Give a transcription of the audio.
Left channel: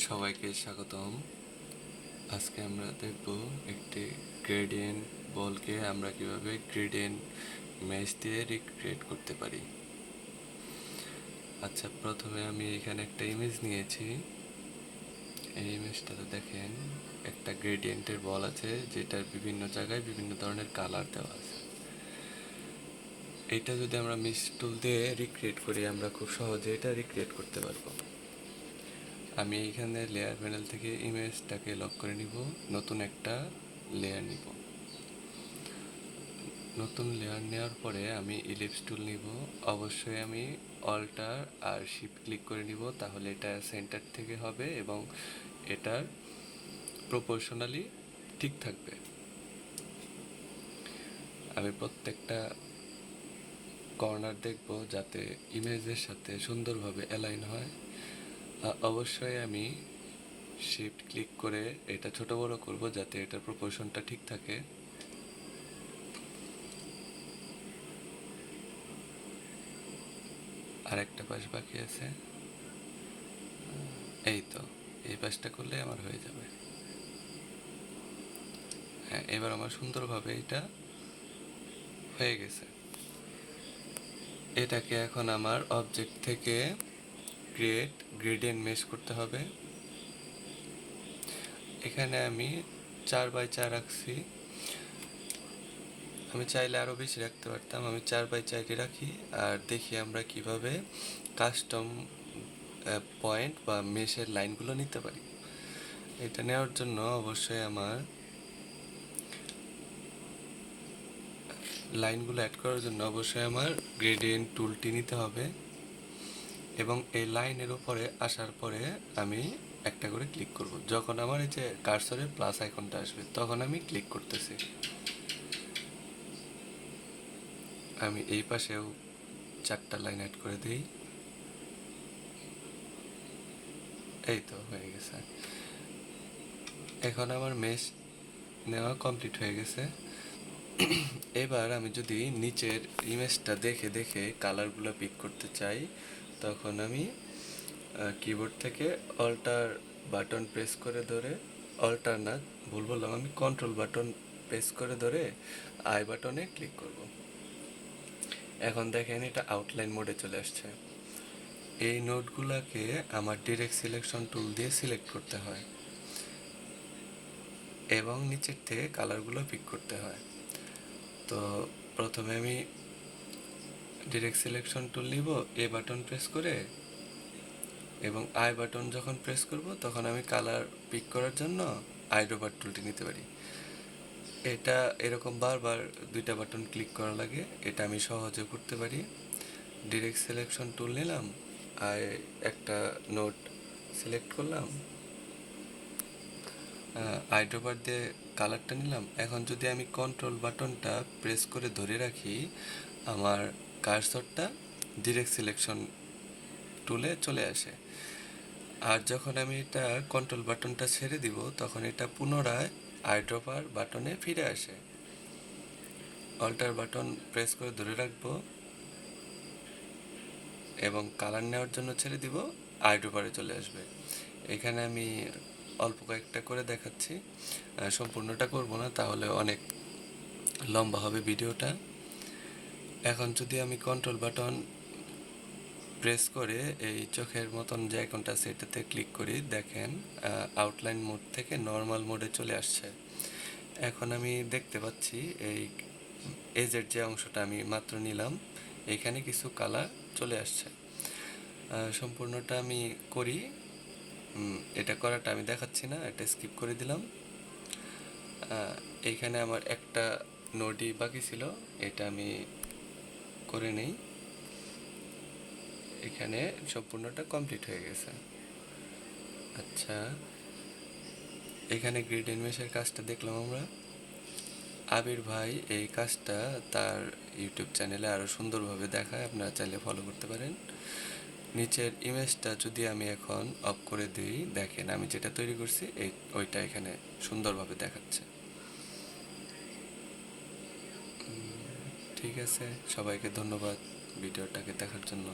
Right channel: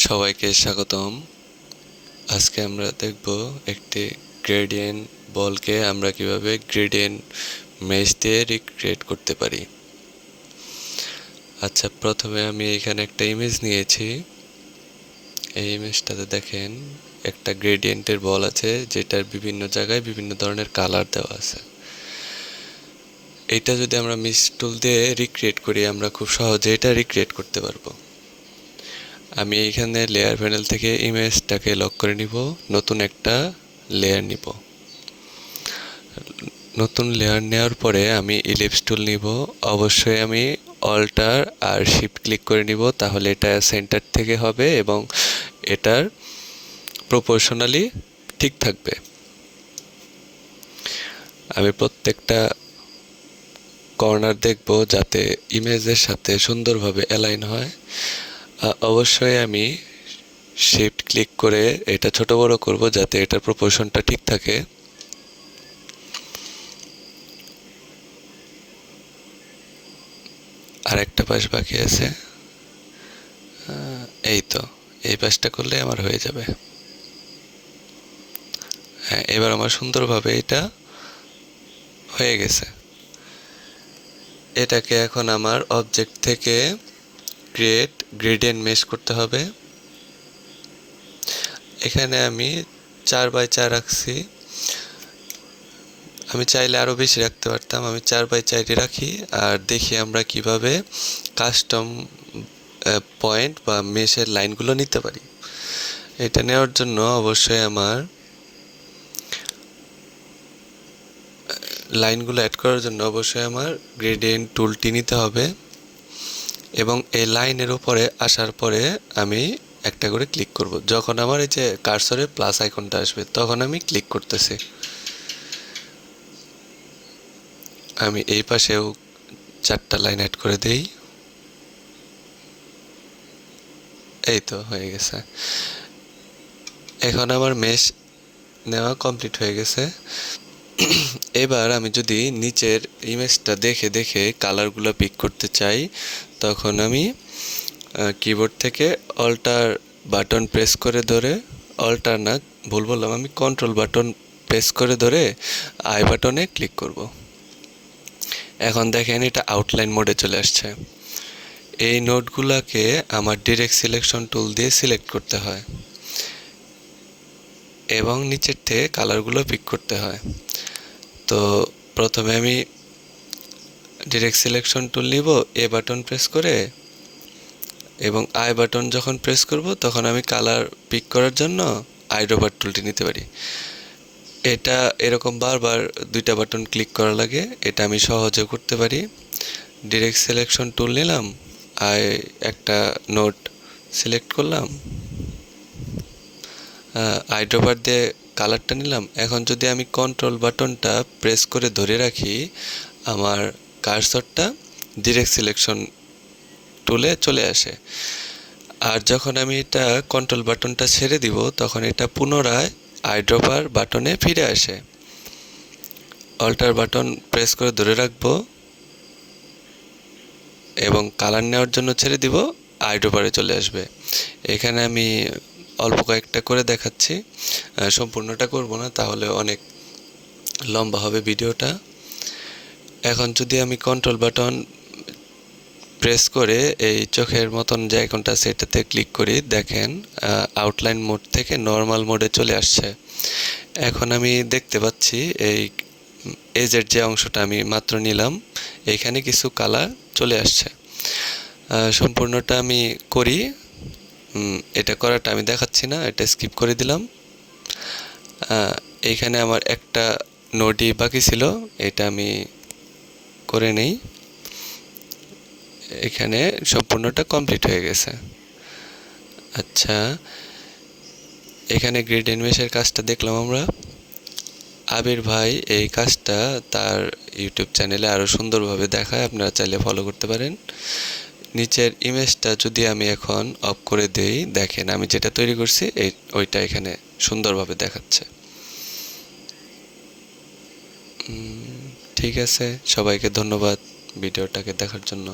সবাইকে স্বাগতম। আজকে আমরা দেখব একটি গ্রেডিয়েন্ট বলকে আমরা কিভাবে গ্রেডিয়েন্ট মেশ দিয়ে রিক্রিয়েট করতে পারি। আচ্ছা, প্রথমে আমি এখানে একটা ইমেজ নিয়েছি। এই ইমেজটাতে দেখেন একটা গ্রেডিয়েন্টের বল আছে, যেটার বিভিন্ন জায়গায় বিভিন্ন ধরনের কালার দেওয়া আছে। এটা যদি আমরা মিশ টুল দিয়ে রিক্রিয়েট করি, আমরা খুব সহজে এটা রিক্রিয়েট করতে পারবো। আমি এইখানে লেয়ার প্যানেল থেকে ইমেজটাকে লক করে নিব, নতুন একটা লেয়ার নিব। নতুন লেয়ার নেওয়ার পরে আমি ইলিপস টুল নিব। অবশ্যই আমি অল্টার আর শিফট ক্লিক করে নিব, তাহলে এটা সেন্টার থেকে হবে এবং এটার প্রপোর্শনালি ঠিক থাকবে। আমি প্রত্যেকটা কর্নার দেখব যাতে ইমেজের সাথে সুন্দরভাবে অ্যালাইন হয়। অবশ্যই আমি শিফট ক্লিক করে এটা ছোট বড় করব যাতে এটার প্রপোর্শনটা ঠিক থাকে। আর একটা পাশ বাকি আছে, এই তো, এই পাশটা করলে আমার হয়ে যাবে। হ্যাঁ, এবার আমার সুন্দরভাবে এটা হয়ে গেছে। এটাকে এখন আমার অবজেক্ট থেকে ক্রিয়েট গ্রেডিয়েন্ট মেশ করতে হবে। এখানে আমি 4x4 রাখছি। আমি চাইলে আরও বেশি রাখতে পারতাম, আমি 4x4 রাখি। আর দেখি আমরা কিভাবে কাস্টম পয়েন্ট বা মেশের লাইনগুলো নিতে পারি। এটা নেওয়ার জন্য অবশ্যই আমার লাইনগুলো অ্যাড করার জন্য অবশ্যই আমার গ্রেডিয়েন্ট টুলটি নিতে হবে এবং এই লাইনের উপরে আসার পরে আমি একটা করে ক্লিক করব। যখন আমার এই যে কার্সরে প্লাস আইকনটা আসবে তখন আমি ক্লিক করতেছি। আমি এই পাশেও 4টা লাইন অ্যাড করে দেই। এই তো হয়ে গেছে। এখন আমার মেশ নেওয়া কমপ্লিট হয়ে গেছে। এবার আমি যদি নিচের ইমেজটা দেখে দেখে কালারগুলো পিক করতে চাই, তখন আমি কিবোর্ড থেকে অল্টার বাটন প্রেস করে ধরে, অল্টার না, ভুল বললাম, আমি কন্ট্রোল বাটন প্রেস করে ধরে আই বাটনে ক্লিক করব। এখন দেখেন এটা আউটলাইন মোডে চলে আসছে। এই নোটগুলোকে আমার ডিরেক্ট সিলেকশন টুল দিয়ে সিলেক্ট করতে হয় এবং নিচের থেকে কালারগুলো পিক করতে হয়। তো প্রথমে আমি ডিরেক্ট সিলেকশন টুল নিব, এ বাটন প্রেস করে, এবং আই বাটন যখন প্রেস করব তখন আমি কালার পিক করার জন্য আইড্রপার টুলটি নিতে পারি। এটা এরকম বারবার 2টা বাটন ক্লিক করা লাগে, এটা আমি সহজে করতে পারি। ডিরেক্ট সিলেকশন টুল নিলাম, আই একটা নোট সিলেক্ট করলাম, আইড্রপার দিয়ে কালারটা নিলাম। এখন যদি আমি কন্ট্রোল বাটনটা প্রেস করে ধরে রাখি, আমার কার্সরটা ডিরেক্ট সিলেকশন টুলে চলে আসে। আর যখন আমি এটা কন্ট্রোল বাটনটা ছেড়ে দিব তখন এটা পুনরায় আইড্রপার বাটনে ফিরে আসে। অল্টার বাটন প্রেস করে ধরে রাখবো এবং কালার নেওয়ার জন্য ছেড়ে দিব, আইড্রপারে চলে আসবে। এখানে আমি অল্প কয়েকটা করে দেখাচ্ছি, সম্পূর্ণটা করব না, তাহলে অনেক লম্বা হবে ভিডিওটা। এখন যদি আমি কন্ট্রোল বাটন প্রেস করে এই চোখের মতন যে আইকনটা সেটাতে ক্লিক করি, দেখেন আউটলাইন মোড থেকে নর্মাল মোডে চলে আসছে। এখন আমি দেখতে পাচ্ছি এই এজের যে অংশটা আমি মাত্র নিলাম, এইখানে কিছু কালার চলে আসছে। সম্পূর্ণটা আমি করি, এটা করাটা আমি দেখাচ্ছি না, এটা স্কিপ করে দিলাম। এইখানে আমার একটা নোডই বাকি ছিল, এটা আমি করে নেই। এখানে সম্পূর্ণটা কমপ্লিট হয়ে গেছে। আচ্ছা, এখানে গ্রেডিয়েন্ট মেশের কাজটা দেখলাম আমরা। আবির ভাই এই কাজটা তার ইউটিউব চ্যানেলে আরও সুন্দরভাবে দেখায়, আপনারা চাইলে ফলো করতে পারেন। নিচের ইমেজটা যদি আমি এখন অফ করে দেই, দেখেন আমি যেটা তৈরি করছি ওইটা এখানে সুন্দরভাবে দেখাচ্ছে। ঠিক আছে, সবাইকে ধন্যবাদ ভিডিওটাকে দেখার জন্য।